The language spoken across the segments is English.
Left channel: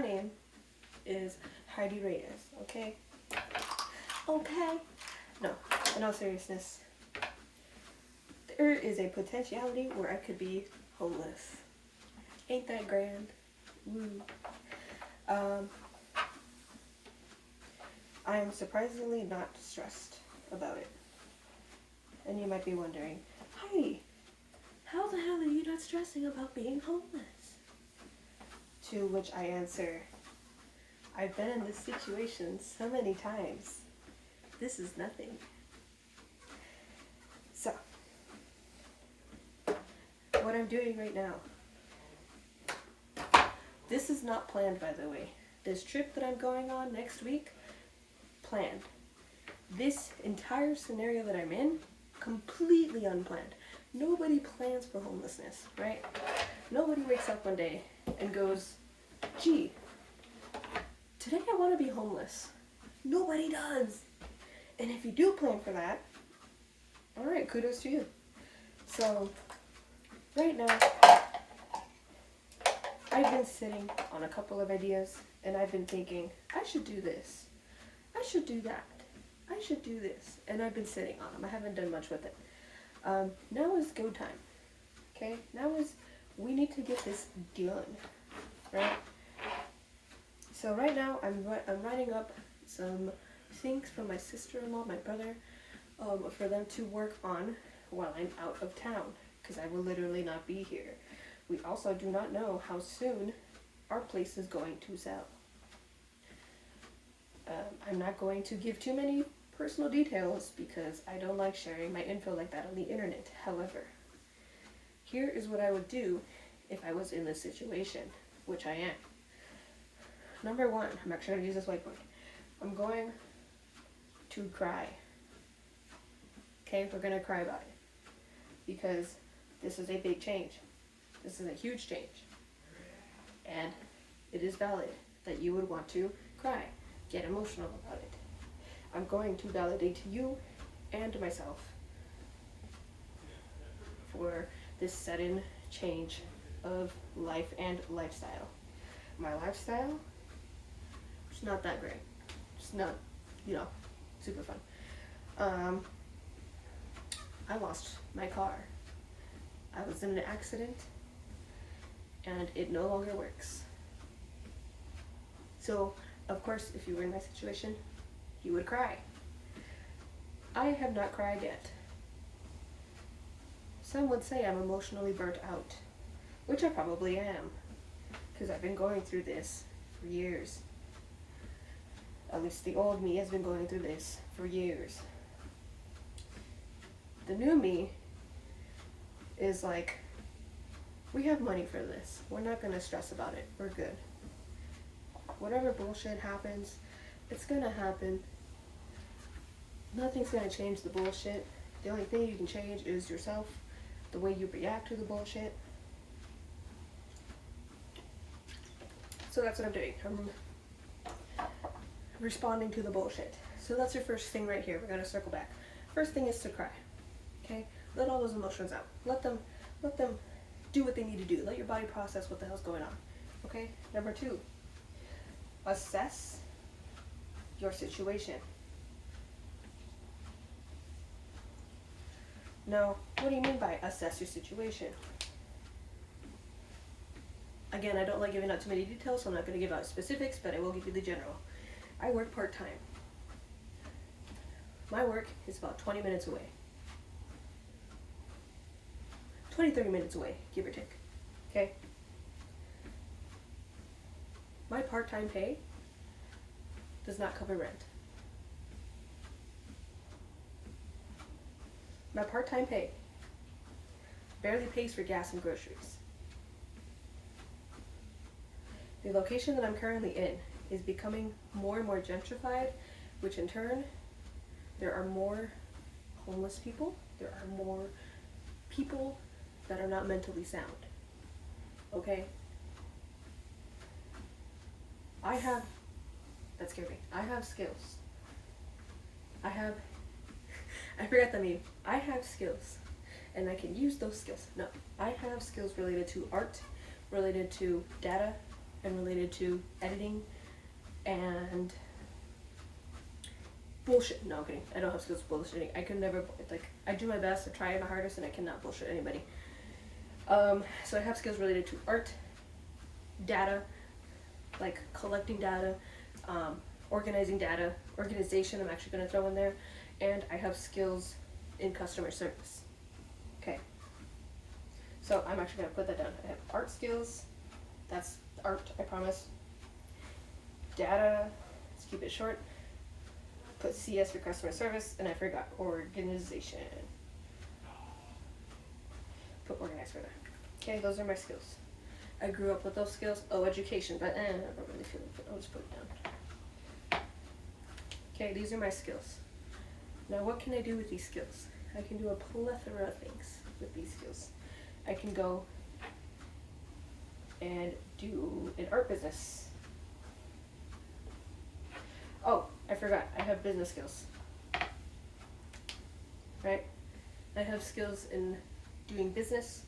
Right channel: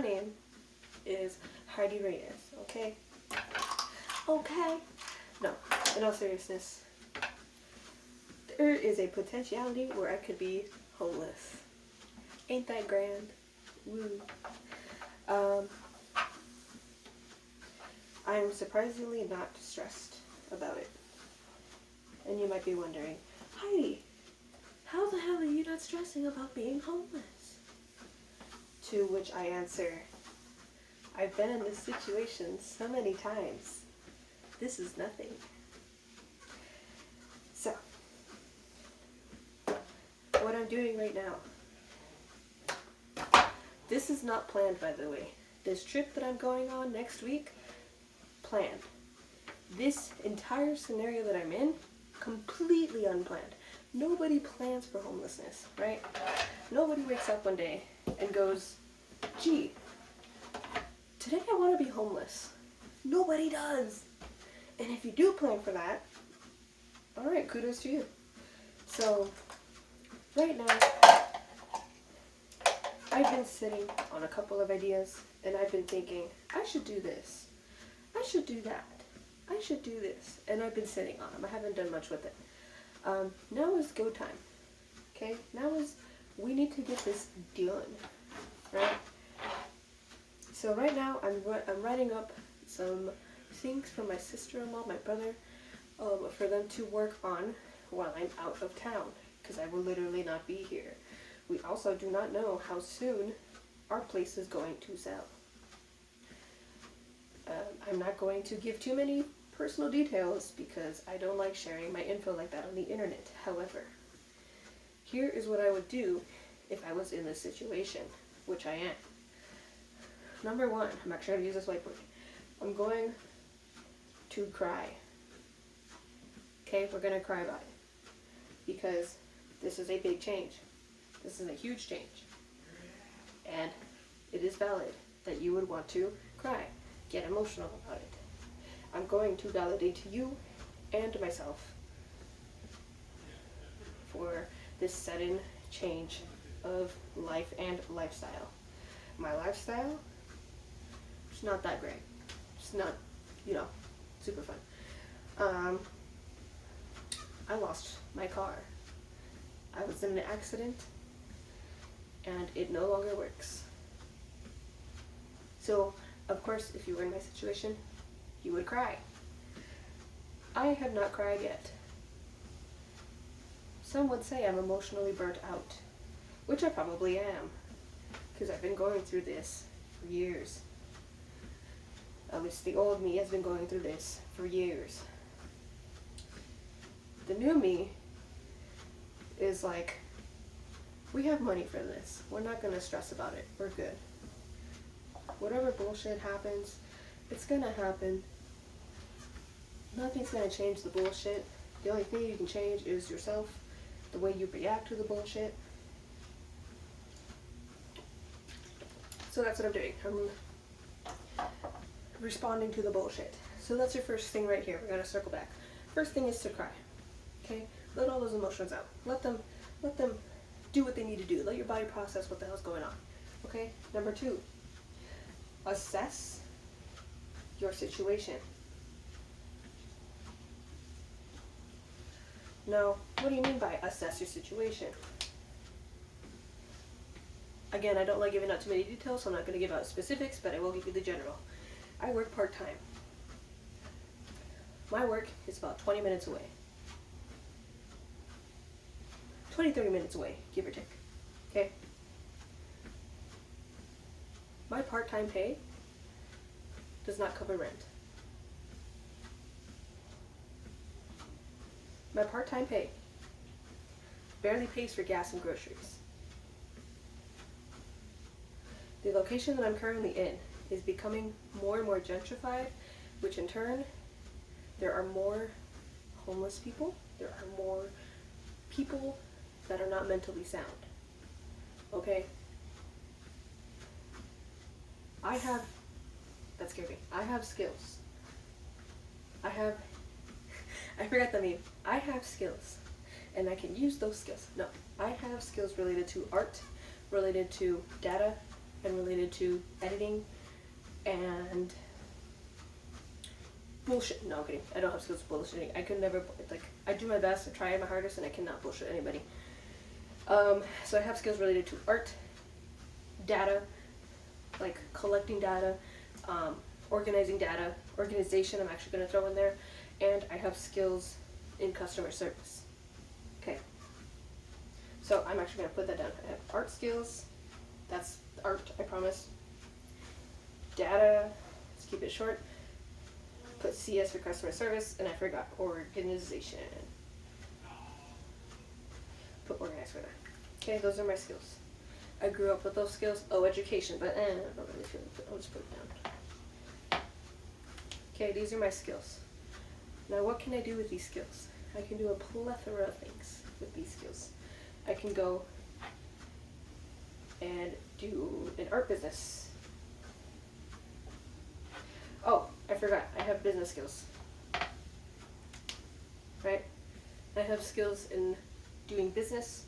my name is Heidi Reyes, okay? Okay. No, in all seriousness, there is a potentiality where I could be homeless. Ain't that grand? Woo. I'm surprisingly not stressed about it. And you might be wondering, Heidi, how the hell are you not stressing about being homeless? To which I answer, I've been in this situation so many times. This is nothing. So, what I'm doing right now, this is not planned, by the way. This trip that I'm going on next week, planned. This entire scenario that I'm in, completely unplanned. Nobody plans for homelessness, right? Nobody wakes up one day and goes, gee, today I want to be homeless. Nobody does. And if you do plan for that, alright, kudos to you. So, right now, I've been sitting on a couple of ideas, and I've been thinking, I should do this. I should do that. I should do this. And I've been sitting on them. I haven't done much with it. Now is go time. Okay? Now is, we need to get this done. Right? So right now, I'm writing up some things for my sister-in-law, my brother, for them to work on while I'm out of town, because I will literally not be here. We also do not know how soon our place is going to sell. I'm not going to give too many personal details because I don't like sharing my info like that on the internet. However, here is what I would do if I was in this situation, which I am. Number one, I'm actually going to use this whiteboard. I'm going to cry. Okay, we're going to cry about it. Because this is a big change. This is a huge change. And it is valid that you would want to cry. Get emotional about it. I'm going to validate to you and myself for this sudden change of life and lifestyle. My lifestyle, it's not that great. It's not, super fun. I lost my car. I was in an accident and it no longer works. So, of course, if you were in my situation, you would cry. I have not cried yet. Some would say I'm emotionally burnt out, which I probably am, because I've been going through this for years. At least the old me has been going through this for years. The new me is like, we have money for this. We're not going to stress about it. We're good. Whatever bullshit happens, it's going to happen. Nothing's going to change the bullshit. The only thing you can change is yourself, the way you react to the bullshit. So that's what I'm doing. I'm responding to the bullshit. So that's your first thing right here. We're going to circle back. First thing is to cry. Okay? Let all those emotions out. Let them do what they need to do. Let your body process what the hell's going on. Okay? Number two, assess your situation. Now, what do you mean by assess your situation? Again, I don't like giving out too many details, so I'm not going to give out specifics, but I will give you the general. I work part-time. My work is about 20 minutes away. 20-30 minutes away, give or take. Okay? My part-time pay does not cover rent. My part-time pay barely pays for gas and groceries. The location that I'm currently in is becoming more and more gentrified, which in turn, there are more homeless people. There are more people that are not mentally sound. Okay? That scared me. I have skills. I forgot the meme. I have skills, and I can use those skills. No, I have skills related to art, related to data, and related to editing and bullshit. No, I'm kidding. I don't have skills for bullshitting. I could never, like, I do my best, I try my hardest, and I cannot bullshit anybody. So I have skills related to art, data, like collecting data, organizing data, organization I'm actually going to throw in there, and I have skills in customer service. Okay. So I'm actually going to put that down. I have art skills. That's art, I promise. Data, let's keep it short. Put CS for customer service, and I forgot organization. Put organized for that. Okay, those are my skills. I grew up with those skills. Oh, education, but I don't really feel it. I'll just put it down. Okay, these are my skills. Now, what can I do with these skills? I can do a plethora of things with these skills. I can go and do an art business. Oh, I forgot. I have business skills. Right? I have skills in doing business.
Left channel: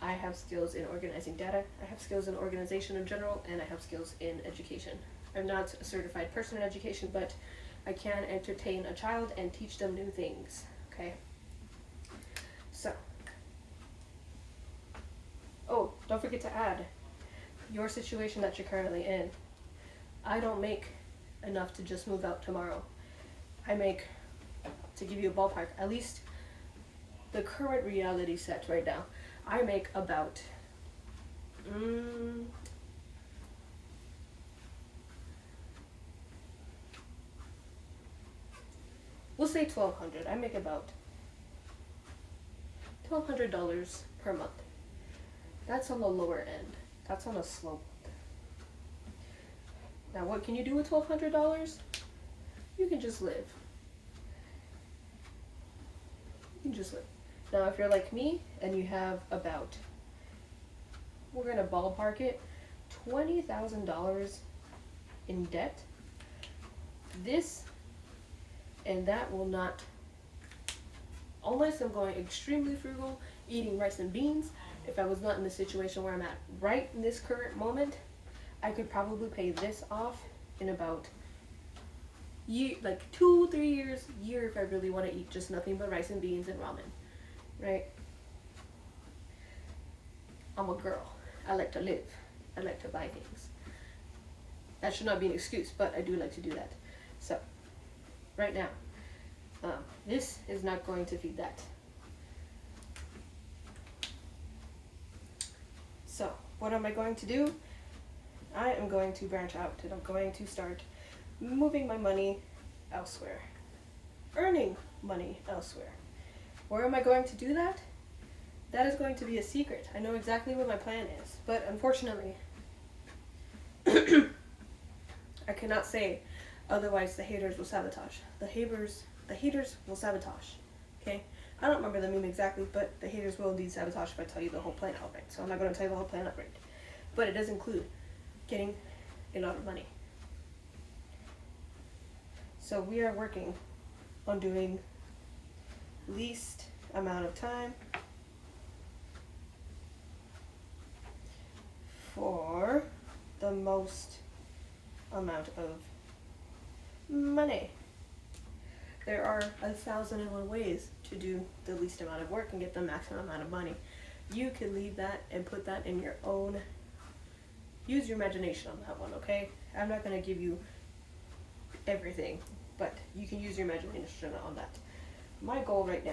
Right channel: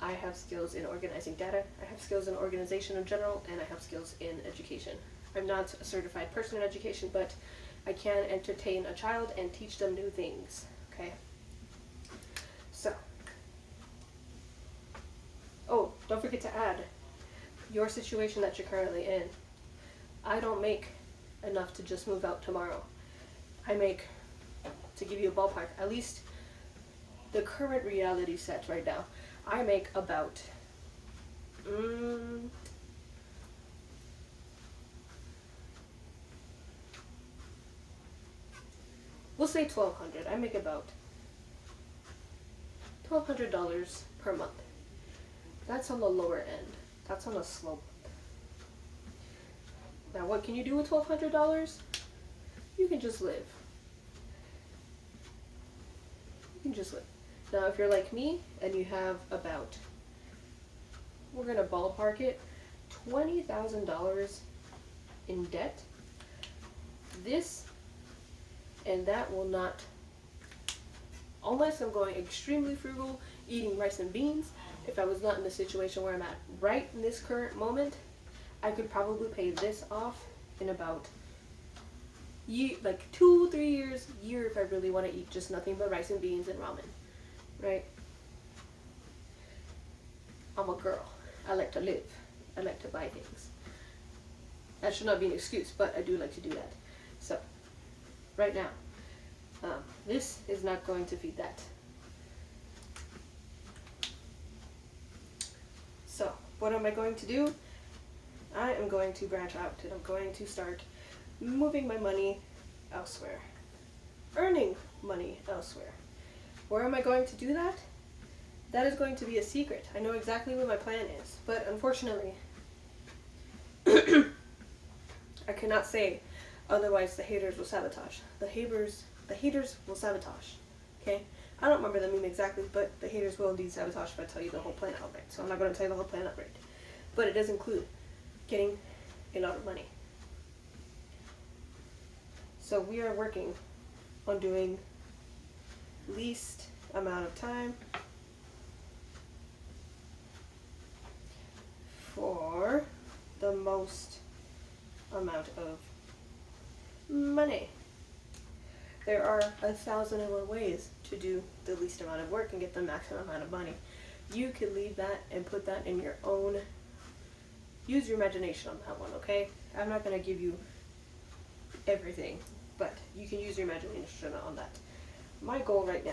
I have skills in organizing data. I have skills in organization in general, and I have skills in education. I'm not a certified person in education, but I can entertain a child and teach them new things. Okay? So. Oh, don't forget to add your situation that you're currently in. I don't make enough to just move out tomorrow. I make, to give you a ballpark, at least the current reality set right now, I make about we'll say $1,200. I make about $1,200 per month. That's on the lower end. That's on a slope. Now, what can you do with $1,200? You can just live. You can just live. Now, if you're like me and you have about, we're going to ballpark it, $20,000 in debt, this and that will not, unless I'm going extremely frugal, eating rice and beans, if I was not in the situation where I'm at right in this current moment, I could probably pay this off in about 2-3 years, year if I really want to eat just nothing but rice and beans and ramen, right? I'm a girl. I like to live. I like to buy things. That should not be an excuse, but I do like to do that. So, right now, this is not going to feed that. So, what am I going to do? I am going to branch out and I'm going to start moving my money elsewhere. Earning money elsewhere. Where am I going to do that? That is going to be a secret. I know exactly what my plan is, but unfortunately, I cannot say, otherwise the haters will sabotage. The haters will sabotage. Okay? I don't remember the meme exactly, but the haters will indeed sabotage if I tell you the whole plan outright. So I'm not going to tell you the whole plan outright. But it does include getting a lot of money. So we are working on doing least amount of time for the most amount of money. There are 1,001 ways to do the least amount of work and get the maximum amount of money. You can leave that and put that in your own, use your imagination on that one, okay? I'm not going to give you everything, but you can use your imagination on that. My goal right now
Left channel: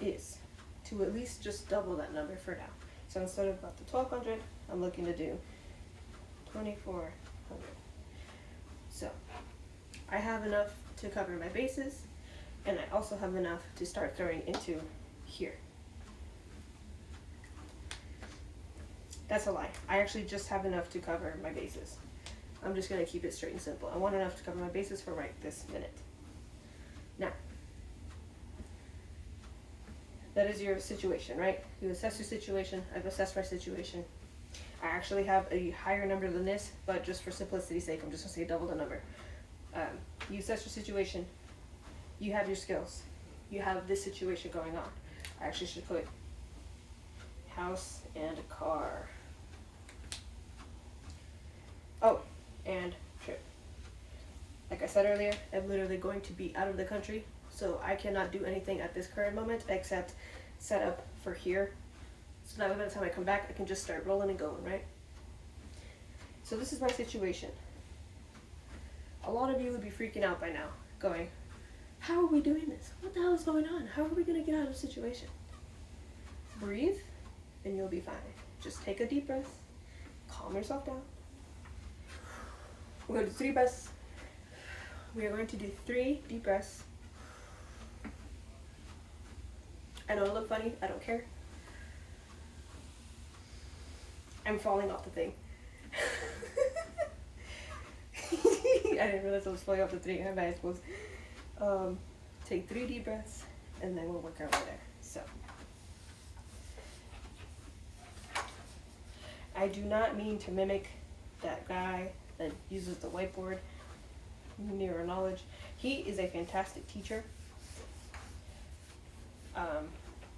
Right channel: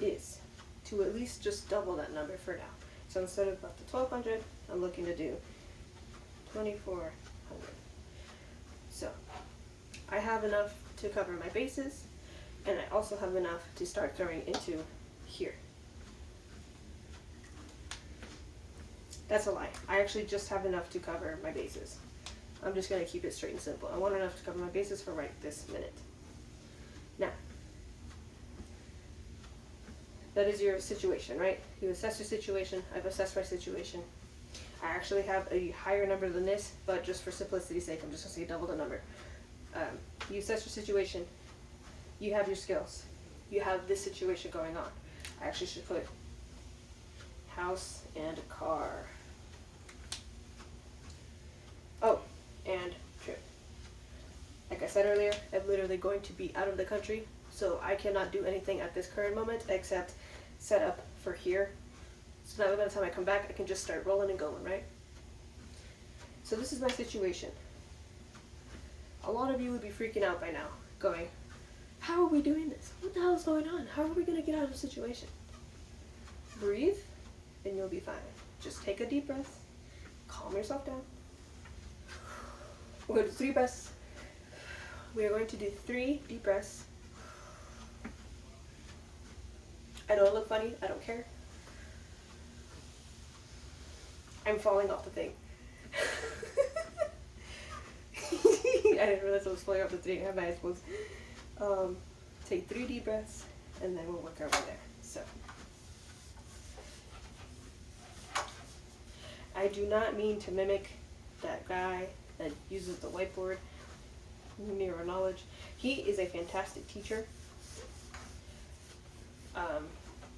is to at least just double that number for now. So instead of about the 1,200, I'm looking to do 2,400. So I have enough to cover my bases, and I also have enough to start throwing into here. That's a lie. I actually just have enough to cover my bases. I'm just going to keep it straight and simple. I want enough to cover my bases for right this minute. Now, that is your situation, right? You assess your situation. I've assessed my situation. I actually have a higher number than this, but just for simplicity's sake, I'm just going to say double the number. You assess your situation. You have your skills. You have this situation going on. I actually should put house and car. said earlier, I'm literally going to be out of the country, so I cannot do anything at this current moment except set up for here. So now by the time I come back, I can just start rolling and going, right? So this is my situation. A lot of you would be freaking out by now, going, how are we doing this? What the hell is going on? How are we going to get out of the situation? Breathe, and you'll be fine. Just take a deep breath. Calm yourself down. We're going to do 3 breaths. We are going to do 3 deep breaths. I know it look funny. I don't care. I'm falling off the thing. I didn't realize I was falling off the thing. How am I supposed? Take 3 deep breaths, and then we'll work our way there. So, I do not mean to mimic that guy that uses the whiteboard. Mirror knowledge. He is a fantastic teacher.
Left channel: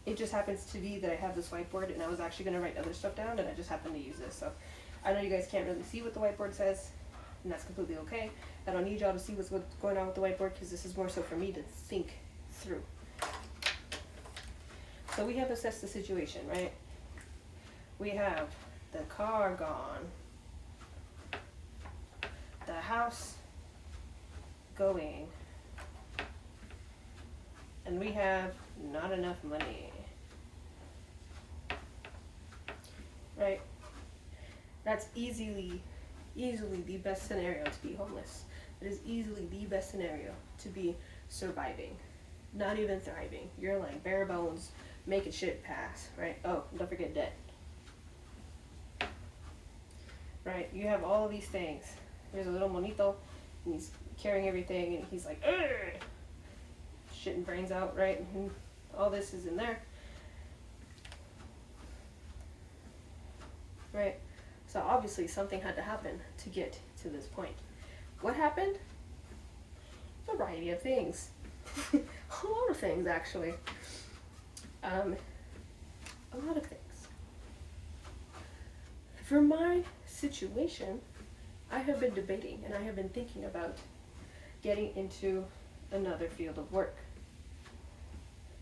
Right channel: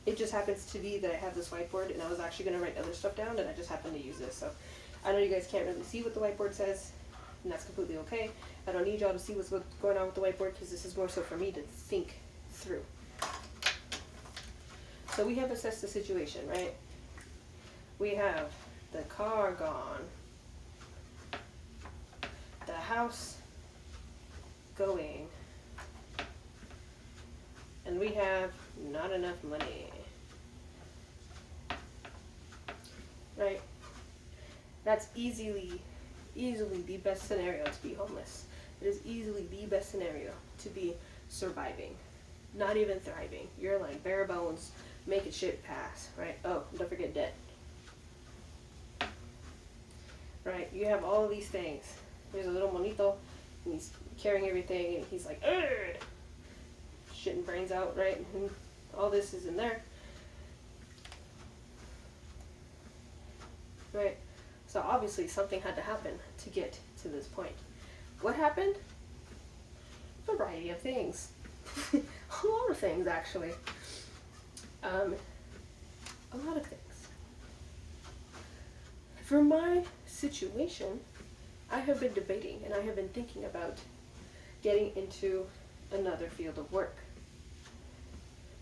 It just happens to be that I have this whiteboard, and I was actually going to write other stuff down, and I just happened to use this. So I know you guys can't really see what the whiteboard says, and that's completely okay. I don't need y'all to see what's going on with the whiteboard, because this is more so for me to think through. So we have assessed the situation, right? We have the car gone, the house going, and we have not enough money, right? That's easily the best scenario to be homeless. It is easily the best scenario to be surviving, not even thriving. You're like bare bones, making shit pass, right? Oh, don't forget debt, right? You have all these things. There's a little monito, and he's carrying everything, and he's like, ugh, shitting brains out, right? And all this is in there, right? So obviously something had to happen to get to this point. What happened? A variety of things. A lot of things, actually. A lot of things. For my situation, I have been debating and I have been thinking about getting into another field of work.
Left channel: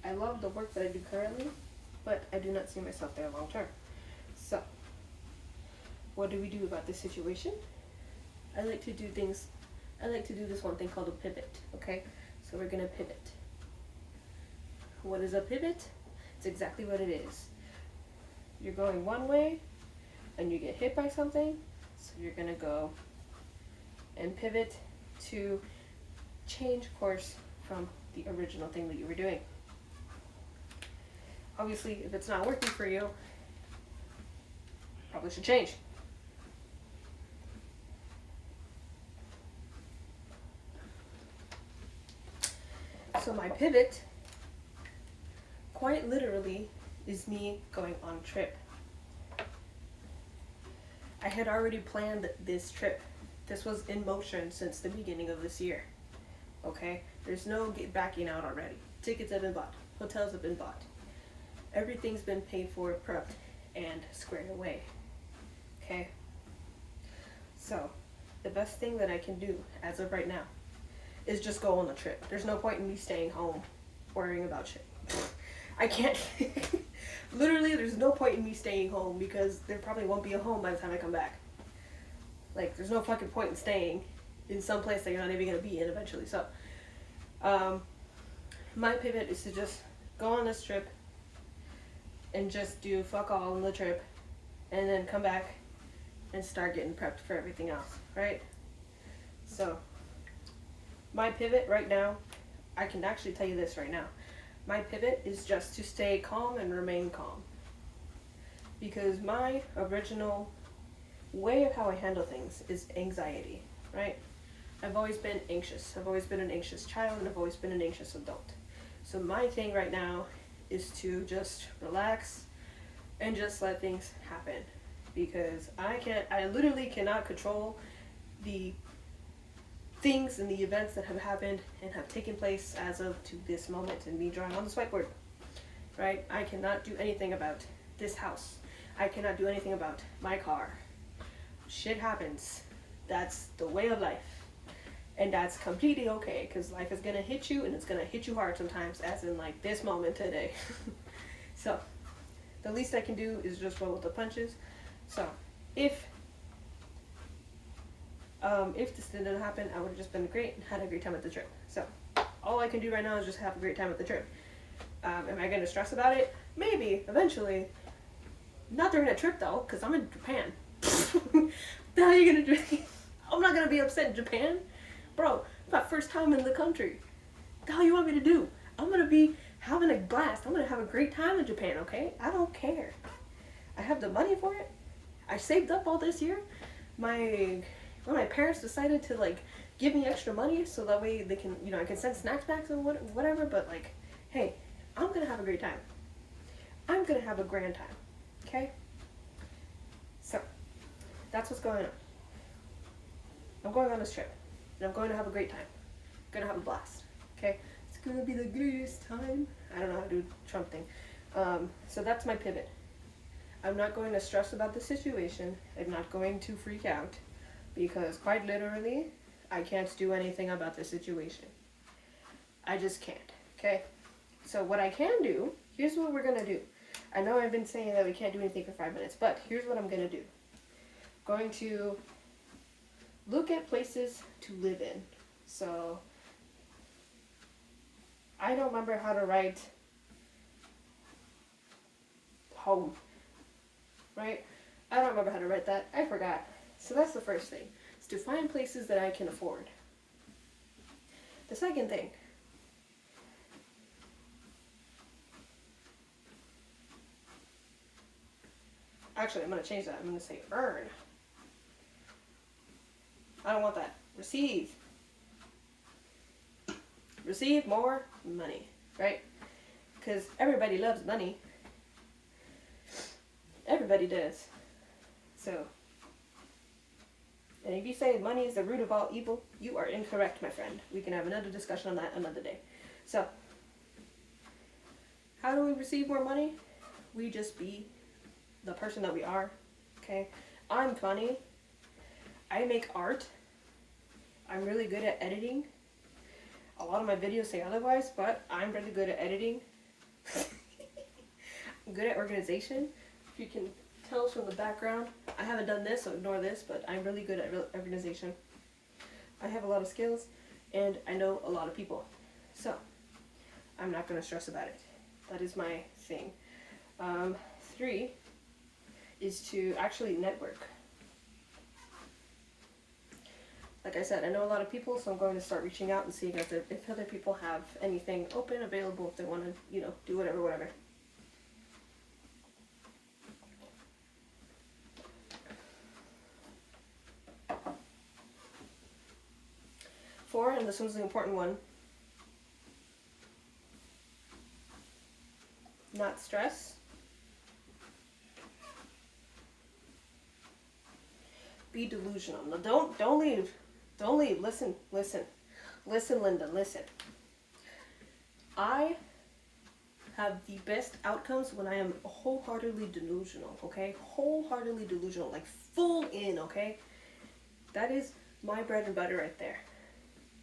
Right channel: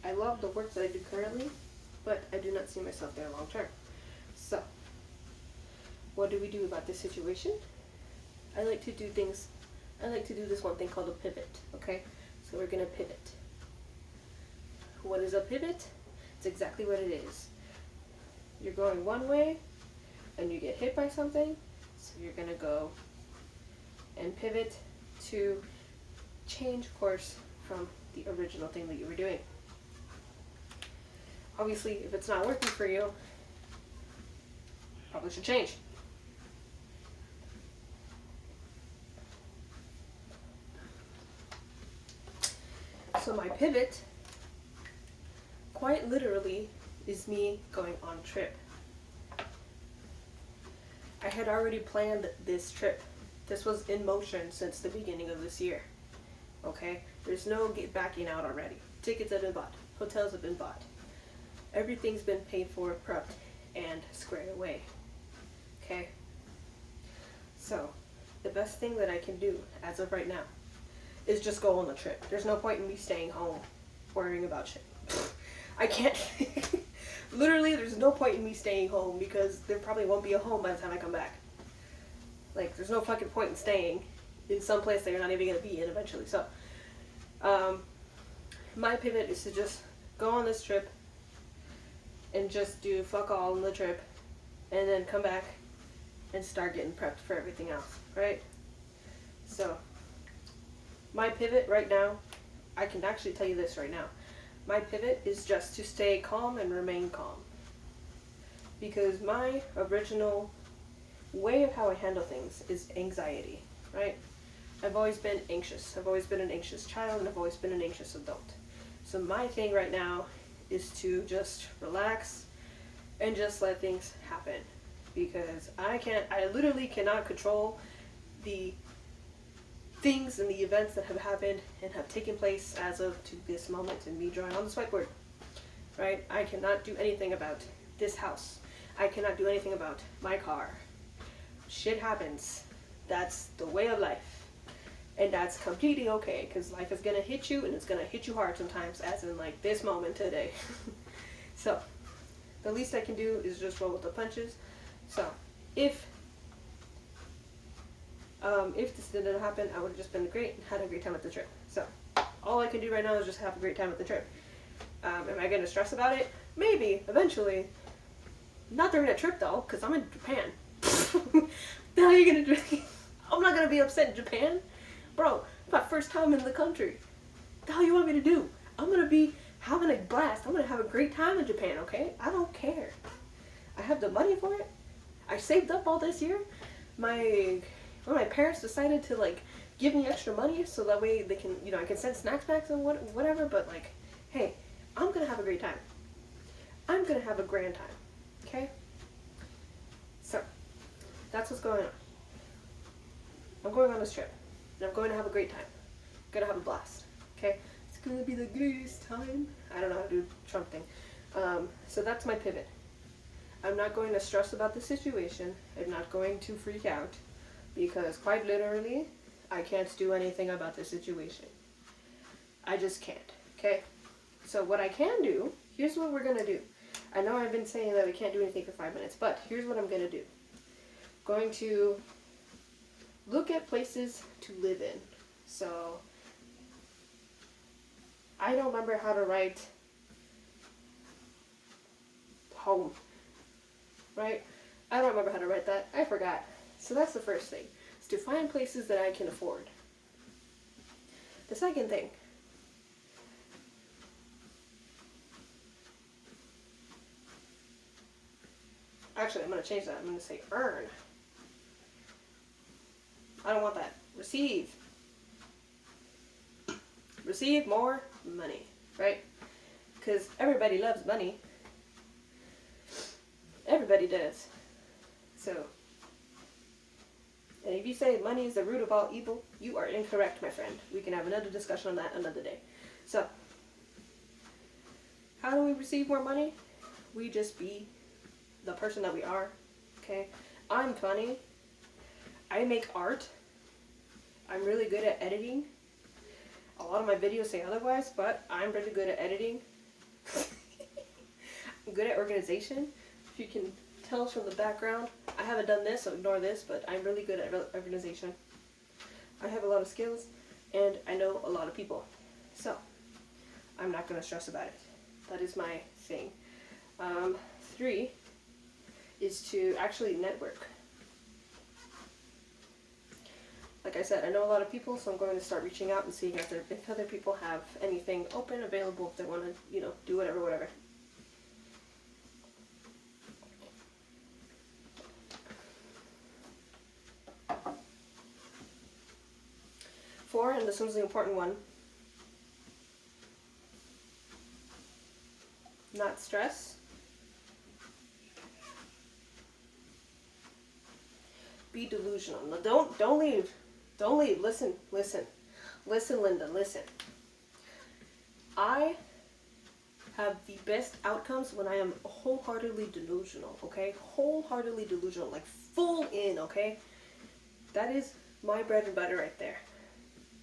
I love the work that I do currently, but I do not see myself there long term. So, what do we do about this situation? I like to do this one thing called a pivot, okay? So we're gonna pivot. What is a pivot? It's exactly what it is. You're going one way, and you get hit by something, so you're gonna go and pivot to change course from the original thing that you were doing. Obviously, if it's not working for you, probably should change. So my pivot, quite literally, is me going on a trip. I had already planned this trip. This was in motion since the beginning of this year. Okay? There's no backing out already. Tickets have been bought. Hotels have been bought. Everything's been paid for, prepped, and squared away. Okay? So, the best thing that I can do as of right now is just go on the trip. There's no point in me staying home worrying about shit. I can't. Literally, there's no point in me staying home because there probably won't be a home by the time I come back. Like, there's no fucking point in staying in some place that you're not even going to be in eventually. So, my pivot is to just go on this trip and just do fuck all on the trip and then come back and start getting prepped for everything else, right? So, my pivot right now, I can actually tell you this right now. My pivot is just to stay calm and remain calm. Because my original way of how I handle things is anxiety, right? I've always been anxious. I've always been an anxious child, and I've always been an anxious adult. So my thing right now is to just relax and just let things happen. Because I literally cannot control the things and the events that have happened and have taken place as of to this moment and me drawing on this whiteboard, right? I cannot do anything about this house. I cannot do anything about my car. Shit happens. That's the way of life. And that's completely okay, because life is gonna hit you, and it's gonna hit you hard sometimes, as in like this moment today. So the least I can do is just roll with the punches. So if this didn't happen, I would have just been great and had a great time at the trip. So all I can do right now is just have a great time at the trip. Am I gonna stress about it? Maybe eventually. Not during a trip though, because I'm in Japan. The hell are you gonna do? I'm not gonna be upset in Japan, bro. It's my first time in the country. The hell you want me to do? I'm gonna be having a blast. I'm gonna have a great time in Japan. Okay? I don't care. I have the money for it. I saved up all this year. My parents decided to like give me extra money so that way they can, I can send snacks back and whatever. But like, hey, I'm gonna have a great time. I'm gonna have a grand time. Okay? So that's what's going on. I'm going on this trip, and I'm going to have a great time. I'm gonna have a blast. Okay? It's gonna be the greatest time. I don't know how to do Trump thing. So that's my pivot. I'm not going to stress about the situation. I'm not going to freak out, because quite literally, I can't do anything about the situation. I just can't. Okay? So what I can do, here's what we're gonna do. I know I've been saying that we can't do anything for 5 minutes, but here's what I'm gonna do. I'm going to look at places to live in. So I don't remember how to write home, right? I don't remember how to write that. I forgot. So that's the first thing, is to find places that I can afford. The second thing, actually, I'm going to change that. I'm going to say earn. I don't want that. Receive. Receive more money, right? Because everybody loves money. Everybody does. So, and if you say money is the root of all evil, you are incorrect, my friend. We can have another discussion on that another day. So, how do we receive more money? We just be the person that we are, okay? I'm funny. I make art. I'm really good at editing. A lot of my videos say otherwise, but I'm really good at editing. I'm good at organization. If you can tell from the background, I haven't done this, so ignore this, but I'm really good at organization. I have a lot of skills, and I know a lot of people. So, I'm not going to stress about it. That is my thing. 3 is to actually network. Like I said, I know a lot of people, so I'm going to start reaching out and seeing if other people have anything open, available, if they want to, do whatever. 4, and this one's the important one. Not stress. Be delusional. No, don't leave. Don't leave. Listen, Linda, listen. I have the best outcomes when I am wholeheartedly delusional, okay? Wholeheartedly delusional, like full in, okay? That is my bread and butter right there.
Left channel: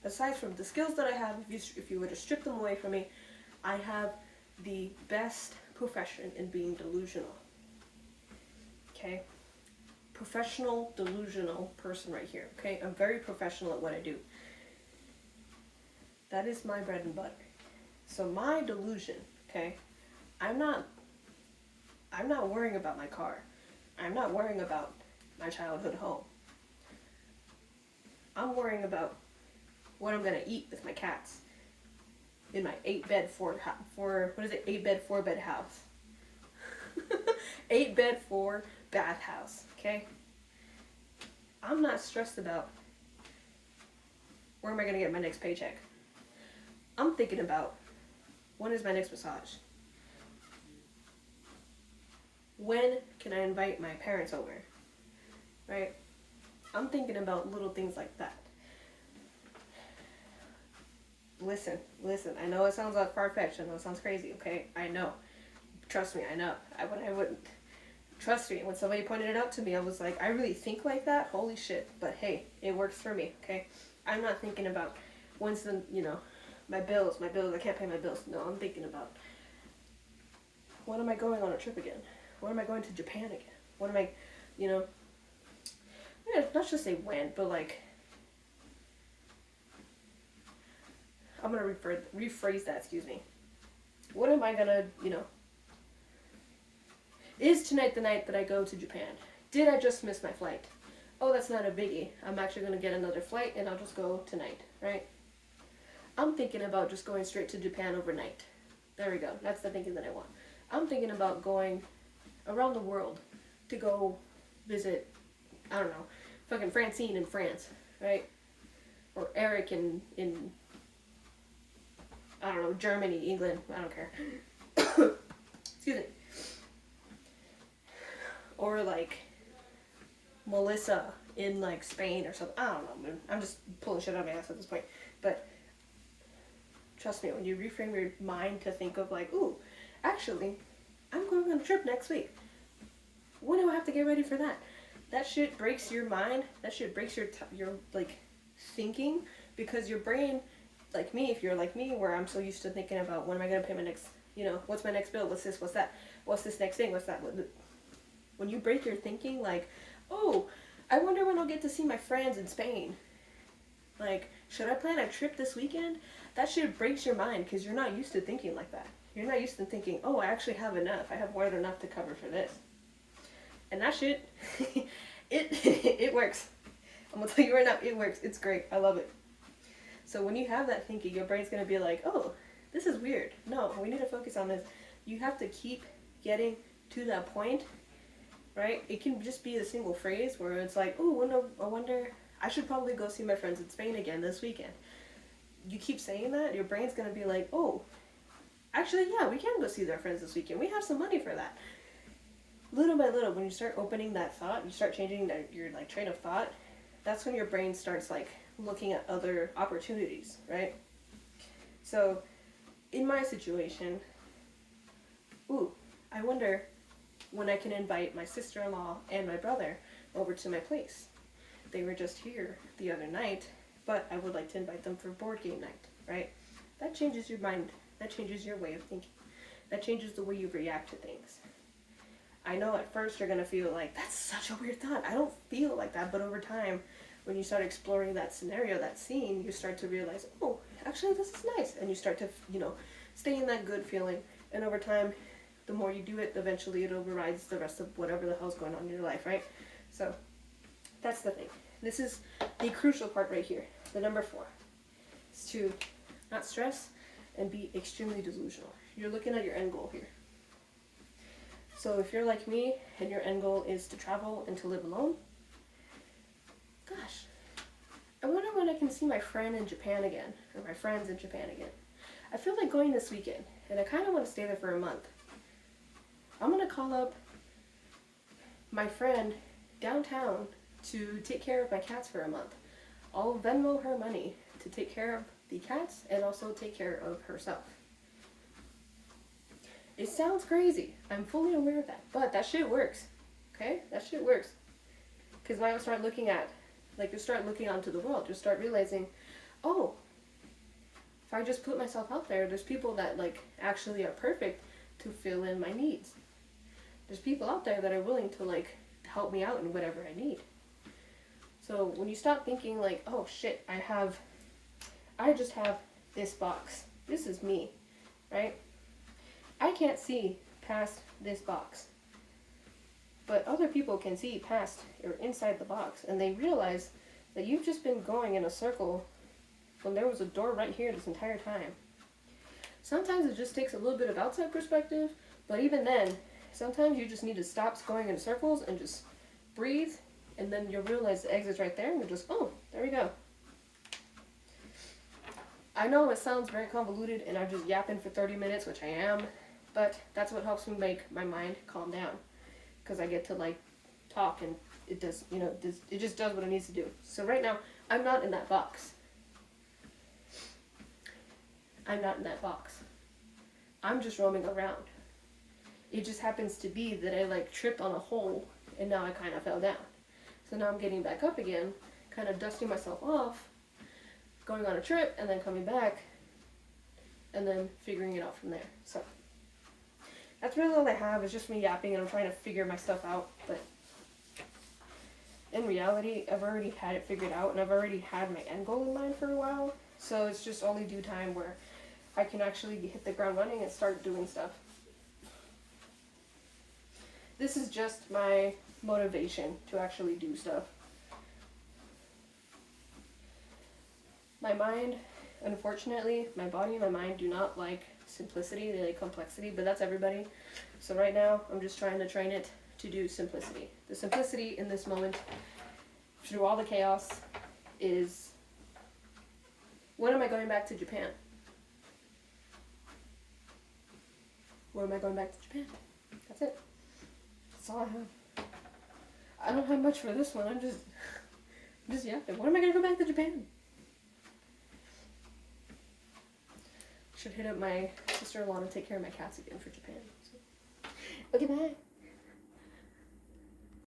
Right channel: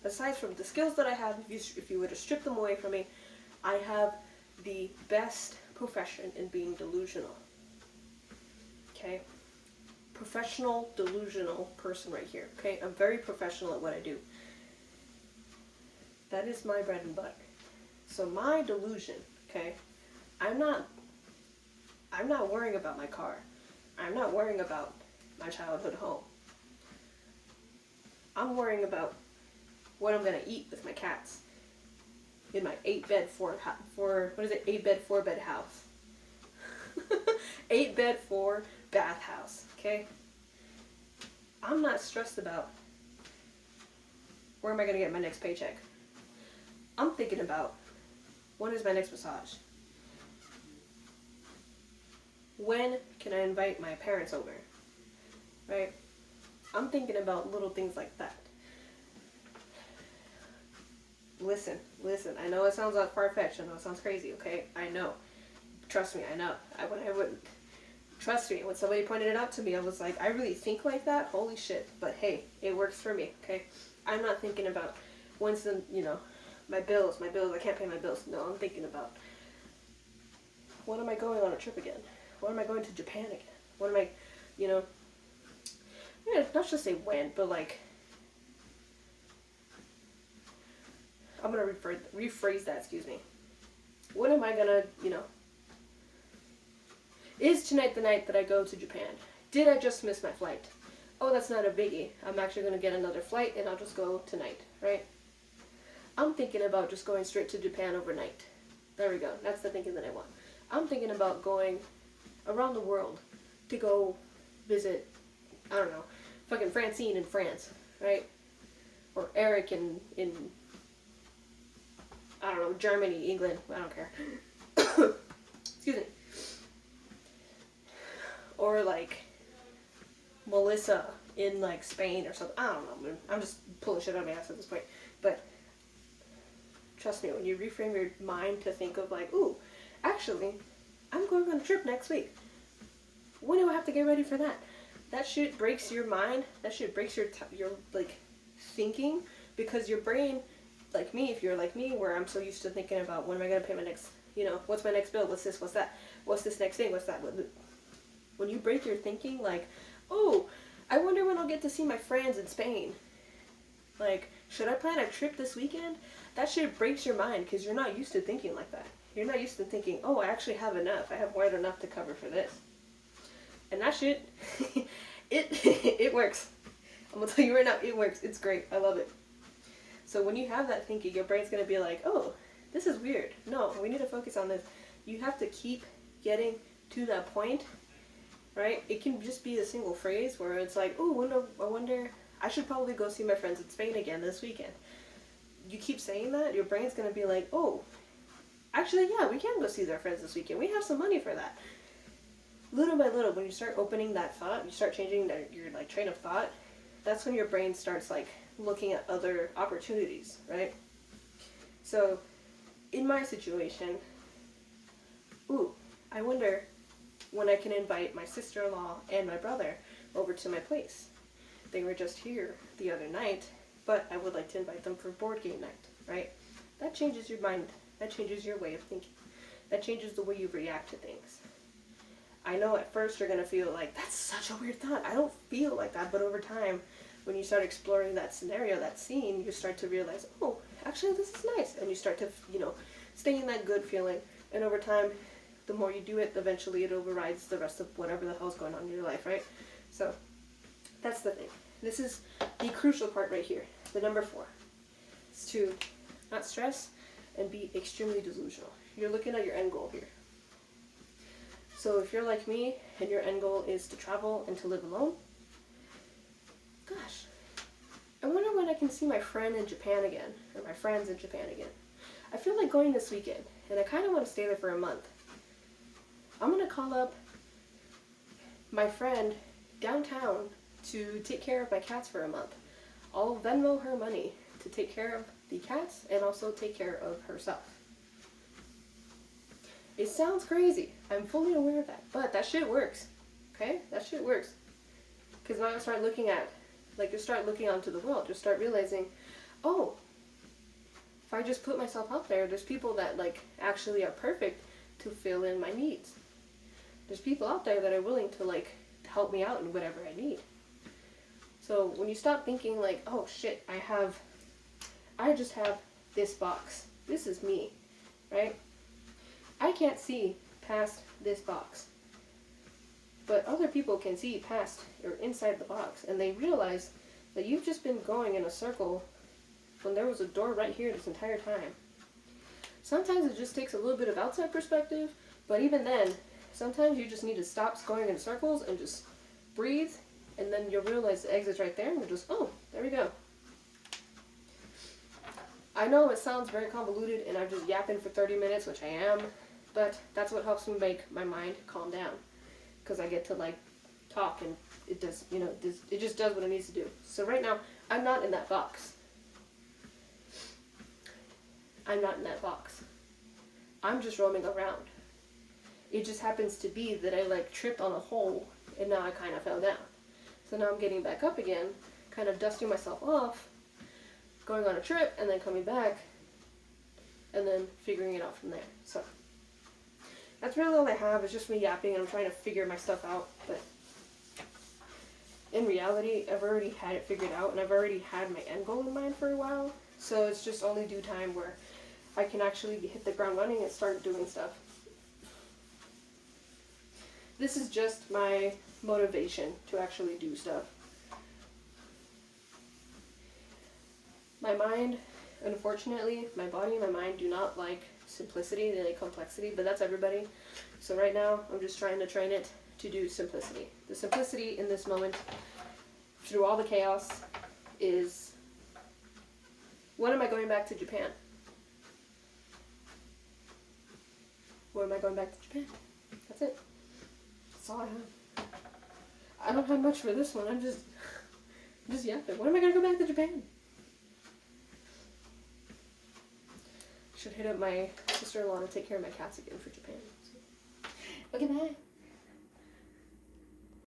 Aside from the skills that I have, if you were to strip them away from me, I have the best profession in being delusional. Okay? Professional, delusional person right here. Okay? I'm very professional at what I do. That is my bread and butter. So my delusion, okay? I'm not worrying about my car. I'm not worrying about my childhood home. I'm worrying about what I'm gonna eat with my cats in my 8-bed 4-bed house. 8-bed 4-bath house, okay? I'm not stressed about where am I gonna get my next paycheck. I'm thinking about when is my next massage? When can I invite my parents over? Right? I'm thinking about little things like that. Listen, I know it sounds like far-fetched, I know it sounds crazy, okay? I know. Trust me, I know. I wouldn't. Trust me, when somebody pointed it out to me, I was like, I really think like that? Holy shit. But hey, it works for me, okay? I'm not thinking about when's the, my bills, I can't pay my bills. No, I'm thinking about, when am I going on a trip again? When am I going to Japan again? When am I, not just say when, but like, I'm going to rephrase that, excuse me. When am I going to, is tonight the night that I go to Japan? Did I just miss my flight? Oh, that's not a biggie. I'm actually going to get another flight and I'll just go tonight, right? I'm thinking about just going straight to Japan overnight. There we go. That's the thinking that I want. I'm thinking about going around the world to go visit, I don't know, fucking Francine in France, right? Or Eric in I don't know, Germany, England, I don't care. Excuse me. Or like Melissa in like Spain or something. I don't know, man. I'm just pulling shit out of my ass at this point. But trust me, when you reframe your mind to think of like, ooh, actually, I'm going on a trip next week. When do I have to get ready for that? That shit breaks your mind. That shit breaks your like thinking, because your brain, like me, if you're like me, where I'm so used to thinking about when am I gonna pay my next, what's my next bill? What's this? What's that? What's this next thing? What's that? When you break your thinking, like, oh, I wonder when I'll get to see my friends in Spain. Like, should I plan a trip this weekend? That shit breaks your mind because you're not used to thinking like that. You're not used to thinking, oh, I actually have enough. I have more than enough to cover for this. And that shit, it works. I'm going to tell you right now, it works. It's great. I love it. So when you have that thinking, your brain's going to be like, oh, this is weird. No, we need to focus on this. You have to keep getting to that point, right? It can just be a single phrase where it's like, oh, I wonder, I should probably go see my friends in Spain again this weekend. You keep saying that, your brain's going to be like, oh, actually, yeah, we can go see our friends this weekend. We have some money for that. Little by little, when you start opening that thought, you start changing your like train of thought, that's when your brain starts like looking at other opportunities, right? So, in my situation, I wonder when I can invite my sister-in-law and my brother over to my place. They were just here the other night, but I would like to invite them for board game night, right? That changes your mind. That changes your way of thinking. That changes the way you react to things. I know at first you're going to feel like, that's such a weird thought. I don't feel like that, but over time, when you start exploring that scenario, that scene, you start to realize, oh, actually this is nice. And you start to, stay in that good feeling. And over time, the more you do it, eventually it overrides the rest of whatever the hell's going on in your life, right? So, that's the thing. This is the crucial part right here. The number 4 is to not stress and be extremely delusional. You're looking at your end goal here. So if you're like me and your end goal is to travel and to live alone, gosh, I wonder when I can see my friend in Japan again, or my friends in Japan again. I feel like going this weekend, and I kind of want to stay there for a month. I'm going to call up my friend downtown to take care of my cats for a month. I'll Venmo her money to take care of the cats and also take care of herself. It sounds crazy. I'm fully aware of that. But that shit works. Okay? That shit works. Because now you start looking at, you start looking onto the world. You start realizing, oh, if I just put myself out there, there's people that, actually are perfect to fill in my needs. There's people out there that are willing to, help me out in whatever I need. So when you stop thinking, oh, shit, I just have this box. This is me, right? I can't see past this box. But other people can see past or inside the box, and they realize that you've just been going in a circle when there was a door right here this entire time. Sometimes it just takes a little bit of outside perspective, but even then, sometimes you just need to stop going in circles and just breathe, and then you'll realize the exit's right there, and you'll just, oh, there we go. I know it sounds very convoluted, and I'm just yapping for 30 minutes, which I am, but that's what helps me make my mind calm down, because I get to, talk, and it does, it just does what it needs to do. So right now, I'm not in that box. I'm not in that box. I'm just roaming around. It just happens to be that I like tripped on a hole and now I kind of fell down. So now I'm getting back up again, kind of dusting myself off, going on a trip, and then coming back, and then figuring it out from there. So that's really all I have, is just me yapping, and I'm trying to figure my stuff out. But in reality, I've already had it figured out, and I've already had my end goal in mind for a while. So it's just only due time where I can actually hit the ground running and start doing stuff. This is just my motivation to actually do stuff. My mind, unfortunately, my body and my mind do not like simplicity, they like complexity, but that's everybody. So right now, I'm just trying to train it to do simplicity. The simplicity in this moment, through all the chaos, is, when am I going back to Japan? When am I going back to Japan? That's it. That's all I have. I don't have much for this one. I'm just yapping. When am I going to go back to Japan? Should hit up my sister-in-law to take care of my cats again for Japan. So. Okay, bye.